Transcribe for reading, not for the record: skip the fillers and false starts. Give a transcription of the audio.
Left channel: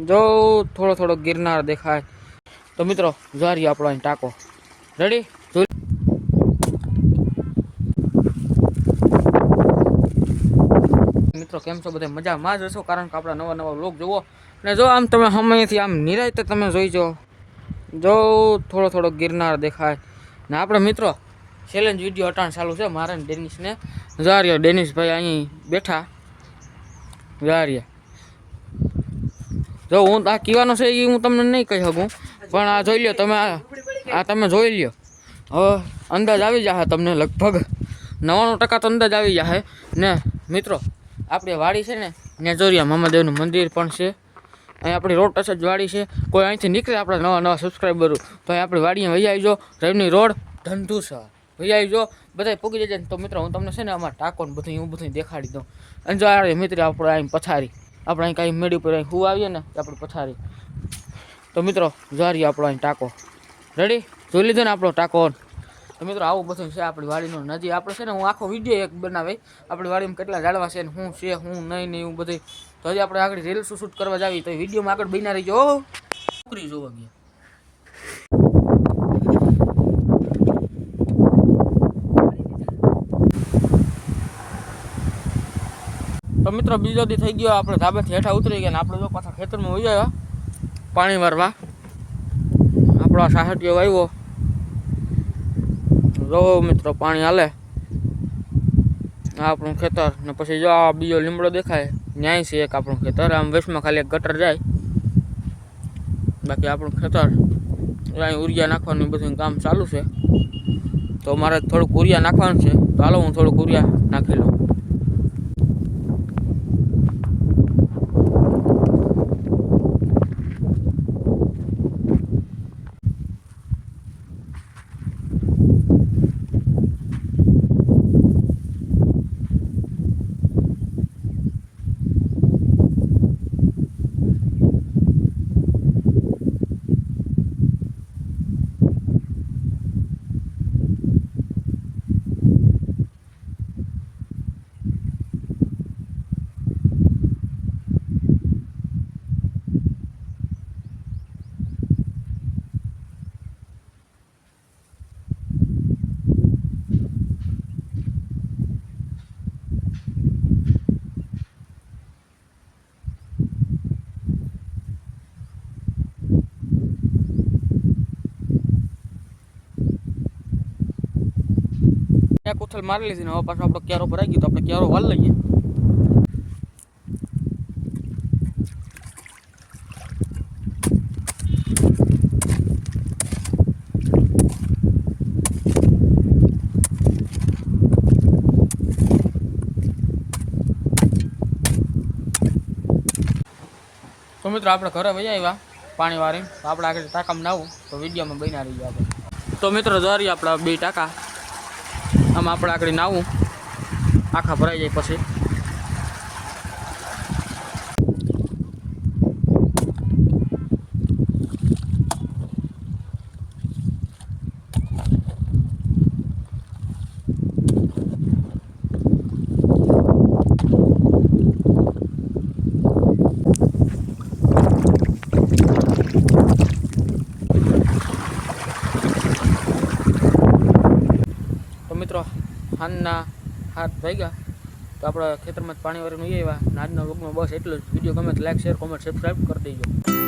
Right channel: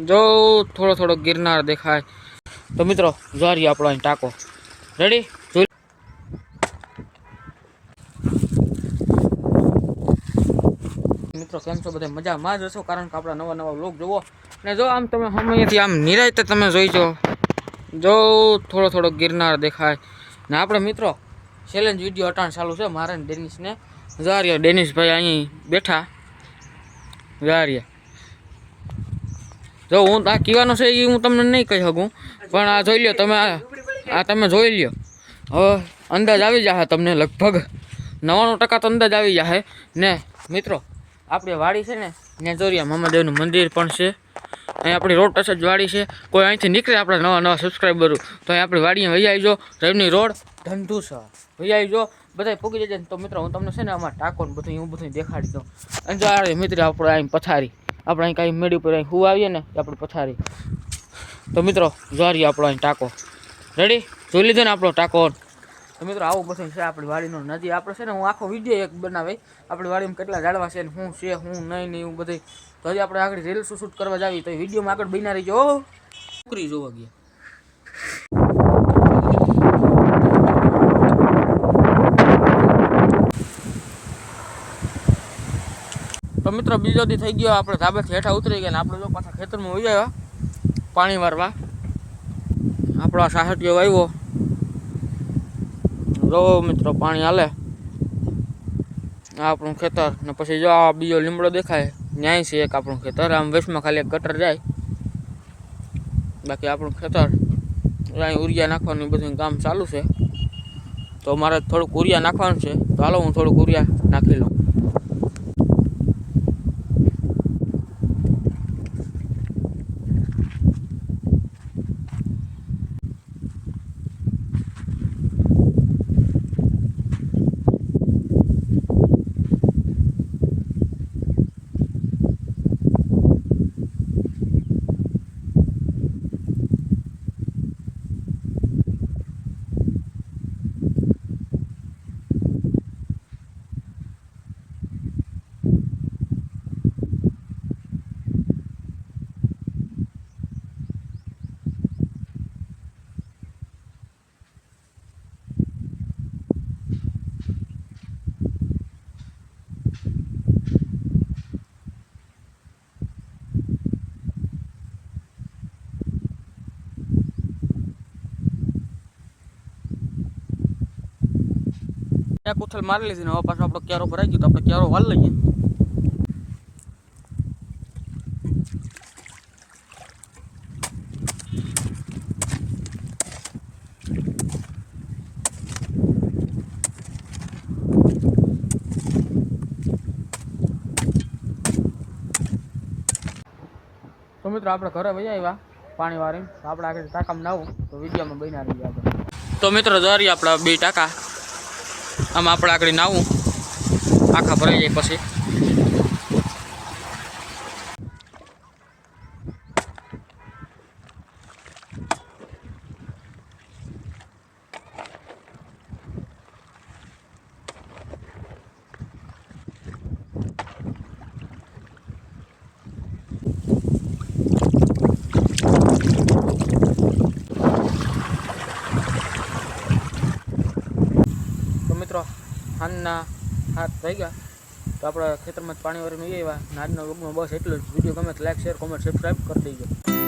જો થોડો થોડો ગિરનાર દેખાય તો મિત્રો જોઈ આપણો અહીં ટાંકો રેડી જોઈ મિત્રો કેમ છો બધા મજામાં જ હશો કારણ કે આપણા નવા નવા વ્લોગ જોવો ને જો આમ તમે સમયથી આમ નિરાયતે તમે જોઈજો જો થોડો થોડો ગિરનાર દેખાય ને આપણે મિત્રો ચેલેન્જ વિડીયો અટાણ ચાલુ છે મારે ને ડેનિસને જારિયા ડેનિસભાઈ અહીં બેઠા જારિયા જો હું આ કહેવાનો છે એ હું તમને નહીં કહી શકું પણ આ જોઈ લ્યો તમે આ તમે જોઈ લ્યો હવે અંદાજ આવી જશે તમને લગભગ 99% તો અંદાજ આવી જશે ને મિત્રો આપણી વાડી છે ને ત્યાં જોરિયા મહાદેવનું મંદિર પણ છે અહીં આપણી રોડ ટચ જ વાડી છે કોઈ અહીંથી નીકળે આપણે નવા નવા સબસ્ક્રાઈબરો તો અહીં આપણી વાડીમાં વહી આવજો રવની રોડ ધંધુસા વહી આવજો બધા પૂગી જશે તો મિત્રો હું તમને છે ને આમાં ટાંકો ને બધું હું બધું દેખાડી દઉં અને મિત્ર આપણે અહીં પથારી આપણે અહીં કાંઈ મેળી ઉપર અહીં હું આવીએ ને આપણે પથારી તો મિત્રો જોઈ આપણો અહીં ટાંકો રેડી જોઈ લીધો ને આપણો ટાંકો તો મિત્રો આવું બધું છે આપણી વાડીનો નદી આપણે છે ને હું આખો વિડીયો એક બનાવી આપણી વાડીમાં કેટલા ઝાડવા છે ને શું છે હું નહીં એવું બધું તો હજી આપણે આગળ રીલ્સ શૂટ કરવા જાવી તો વિડીયોમાં આગળ બના રહીજો છોકરી જોવા ગયા તો મિત્રો બીજો દી થઈ ગયો આપણે ધાબેથી હેઠા ઉતરી ગયા ને આપણે જો પાછા ખેતરમાં વહી આવ્યા પાણી મારવા આપણો સાહટિયો વાવ્યો જો મિત્રો પાણી હાલે આ આપણું ખેતર ને પછી જો આ બીજો લીમડો દેખાય ન્યાય છે એક આપણું ખેતર આમ વેસ્ટમાં ખાલી એક ગટર જાય બાકી આપણું ખેતર અહીં ઉરિયા નાખવાનું બધું કામ ચાલુ છે તો મારે થોડુંક ઉરિયા નાખવાનું છે તો હાલો હું થોડુંક ઉરિયા નાખી લઉં એક ઉથલ મારી લીધી ને હવે પાછો આપણો ક્યારો ભરાઈ ગયો તો આપણે ક્યારો વાલ લઈએ તો મિત્રો આપણે ઘરે વહી આવ્યા પાણી વાળી તો આપણે આગળ ટાંકામાં નાવું તો વિડીયોમાં બન્યા રહી આગળ તો મિત્રો જોરી આપણા બે ટાંકા આમાં આપણે આગળ નાવું આખા ભરાઈ જાય પછી મિત્રો હાથના હાથ થઈ ગયા તો આપણે ખેતરમાં જ પાણી વાળીને આવ્યા આજના વ્લોગમાં બસ એટલું જ વિડીયો ગમે તો લાઈક શેર કોમેન્ટ સબસ્ક્રાઈબ કરી દેજો